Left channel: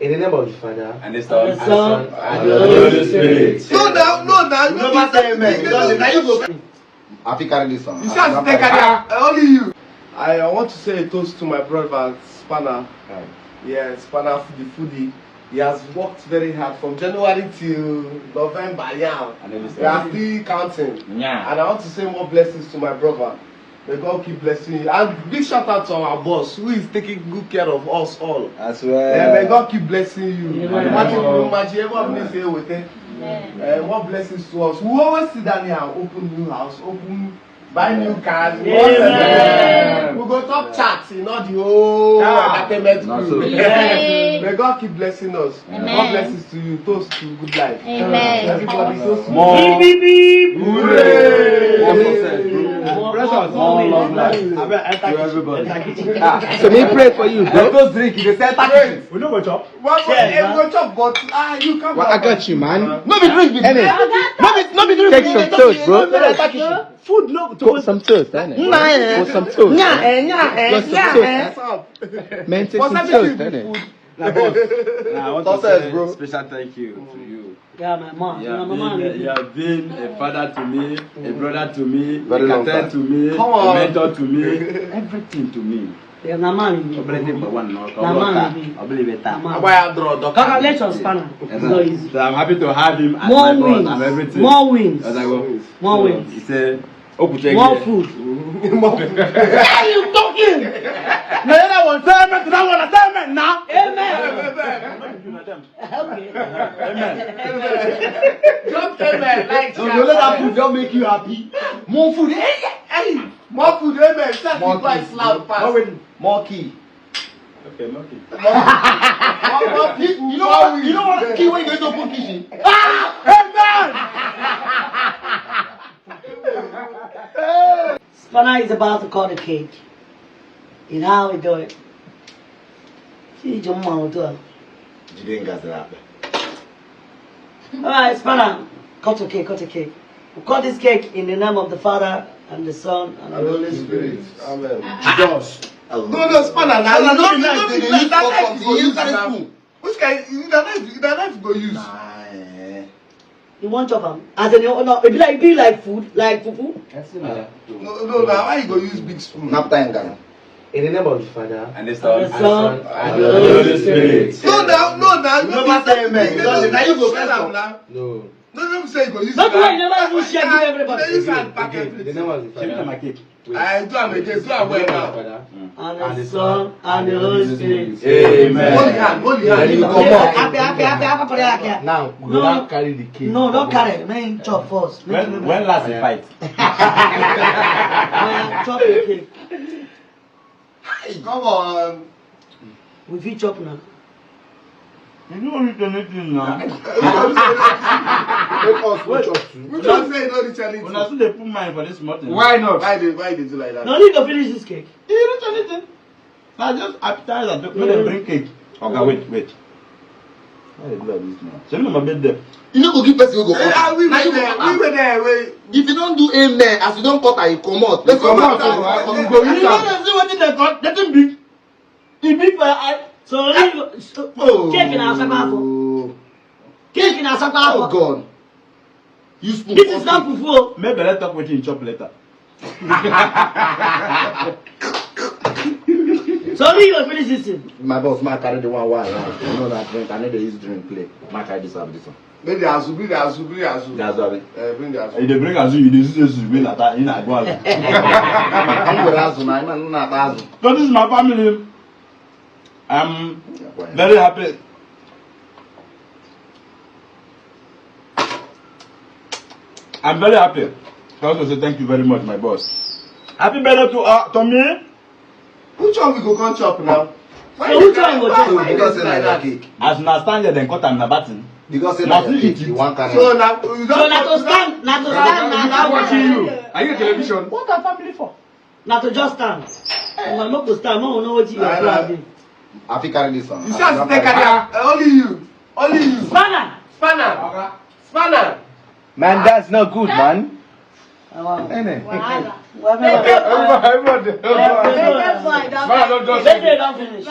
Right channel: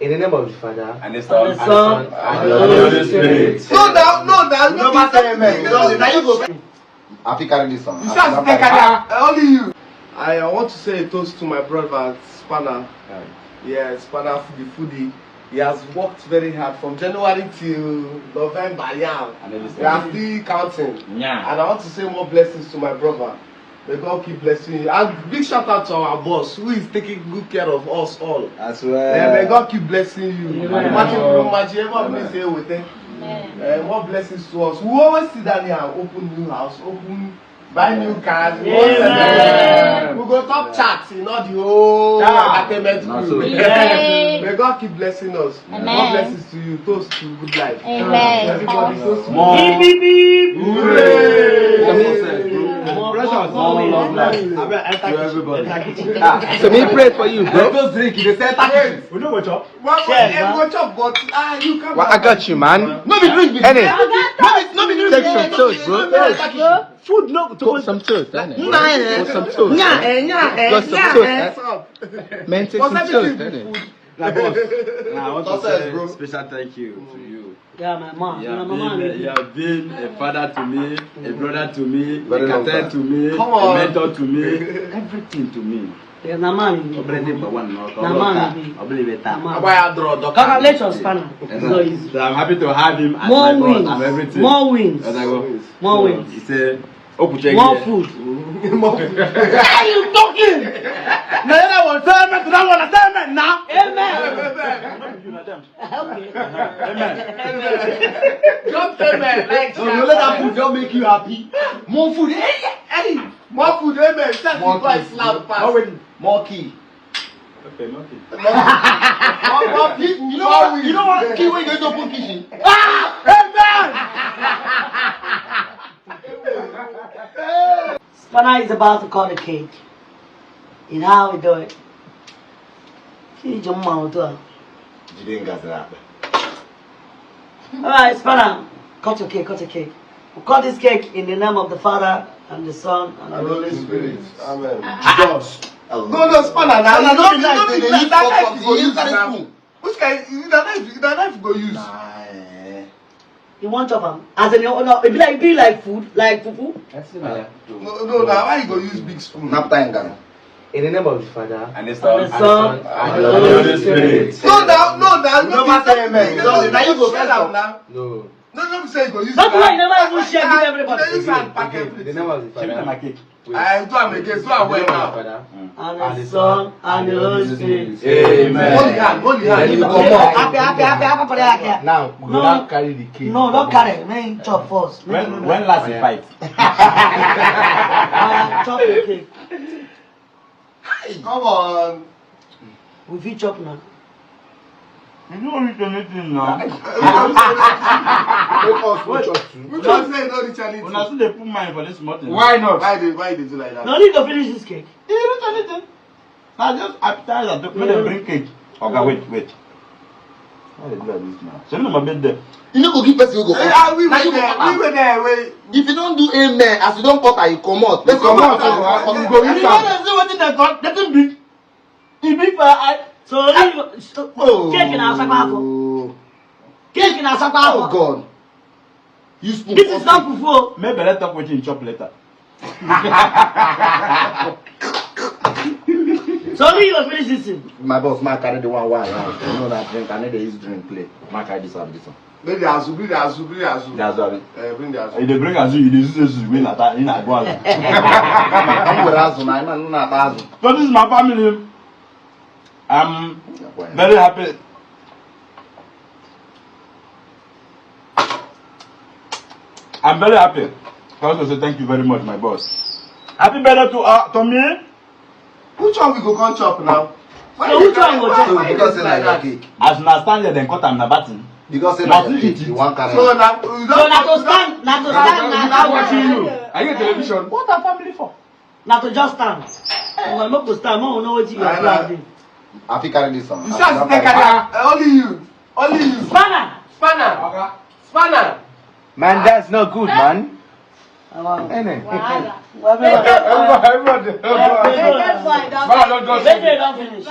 In the name of the Father, and the Son, and the Son, and the Holy Spirit. No, now. You don't say amen. Now you go. Have you carried this one? You can't take it. Only you. I want to say a toast to my brother Spanner. Yeah, Spanner the foodie. He has worked very hard from January till November. Yeah, we are still counting. Yeah. And I want to say more blessings to my brother. May God keep blessing you. And big shout out to our boss who is taking good care of us all. As well. May God keep blessing you. Amen. More blessings to us. We always sit down here and open new house, buy new cars. Amen. We go top charts in all the whole entertainment group. May God keep blessing us. Amen. More blessings to you. Toast to good life. Amen. Everybody toast. More. Beep, beep, beep. Hooray. More wins. so me pray for you, bro. Go drink in the center. We know what up. Go chop, but you can't. Well, I got you, man. No be drink. No be take some toast, bro. Food no. Put some toast, innit? Put some toast. Got some toast, man. Take some toast, innit? I want to say special thank you to you. Yeah, my mom. You My mom. have been a father to me, a brother to me, Very a long captain time. to me, Come a on. mentor to me, everything to me. Yeah, my mom. I believe it. Congratulations, Spanner. So easy. So I'm happy to have him as More my boss wins. and everything. More wins. As I go. More wins. He said, More food. More food. Are you talking? no, that one, assignment, that one, assignment now. Amen. Okay. Don't tell me like So you let that food just make you happy. more food. Hey, more food. Amen. Set the price loud fast. More key. Okay, okay. More key. You know what key when you go to open kitchen? Spanner is about to cut the cake. You know how we do it. See, jump out to her. You didn't get that. Alright, Spanner, cut the cake, cut the cake. We cut this cake in the name of the Father and the Son and the Holy Spirit. Amen. Josh. No, Spanner. Now you Spanner, don't they use use that for knife. something. You They use that that knife. spoon. Which kind? That knife go use. you want chop am. As in, no, it be like food, like fufu. No. Now why you go use big spoon? Napta in Ghana. In the name of the Father, And the And Son, the Son and the Holy Spirit. No, now. You don't say amen. Now you go get am now. No. No, say you go use. Don't do it, you never even share with everybody. You use hand pack In the everything. name of the Give me my Father, cake. I do am again. Do am well now. And the Son and the Holy Spirit. Amen. Holy hand. You come Happy, happy for that. Now, we No. don't carry the cake. No, don't carry. Man, chop first. When last the fight? Chop the cake. Come on. We fit chop now. You don't eat anything now. We don't say no reach anything. When I see they put mine for this morning. Why not? Why they do like that? No need to finish this cake. You don't eat anything. Now just appetizer to when they bring cake. Okay, wait. Why they do like this now? Send me my bed there. You need to give person who go come. We were there. If you don't do amen, as you don't cut and you come out, person come go out, come. you You go go eat eat am. am. See what they got? They didn't big. The big I so cake in our sakafo. Cake in our Oh sakafo. God. You spoon. This is not fufu. Maybe let's talk with you in chop later. So only you finish this thing. My boss, my carry the one wine. You know that drink. I need to use drink play. My carry this one. Bring the azu. That's what it. Bring the azu. If they bring us, you use this win at that in a goal. I'm with us, man. I'm not us. So this is my family. I'm very happy. I'm very happy. I want to say thank you very much, my boss. Happy birthday to me. Which one we go come chop now? So which one go chop? So because say like that cake. As na stand there, then cut am na batin. Because say Now like you that cake. eat it. You want carry. So now you So don't. na to stand, na to stand, na Watching you. Are you a television? What are family for? na to just stand. Well, no go stand, no know what you are planning. I think carry this one. You can't take it. Only you. Only you. Spanner. Spanner. Man, that's not good, man. Everybody. Everybody. Don't finish.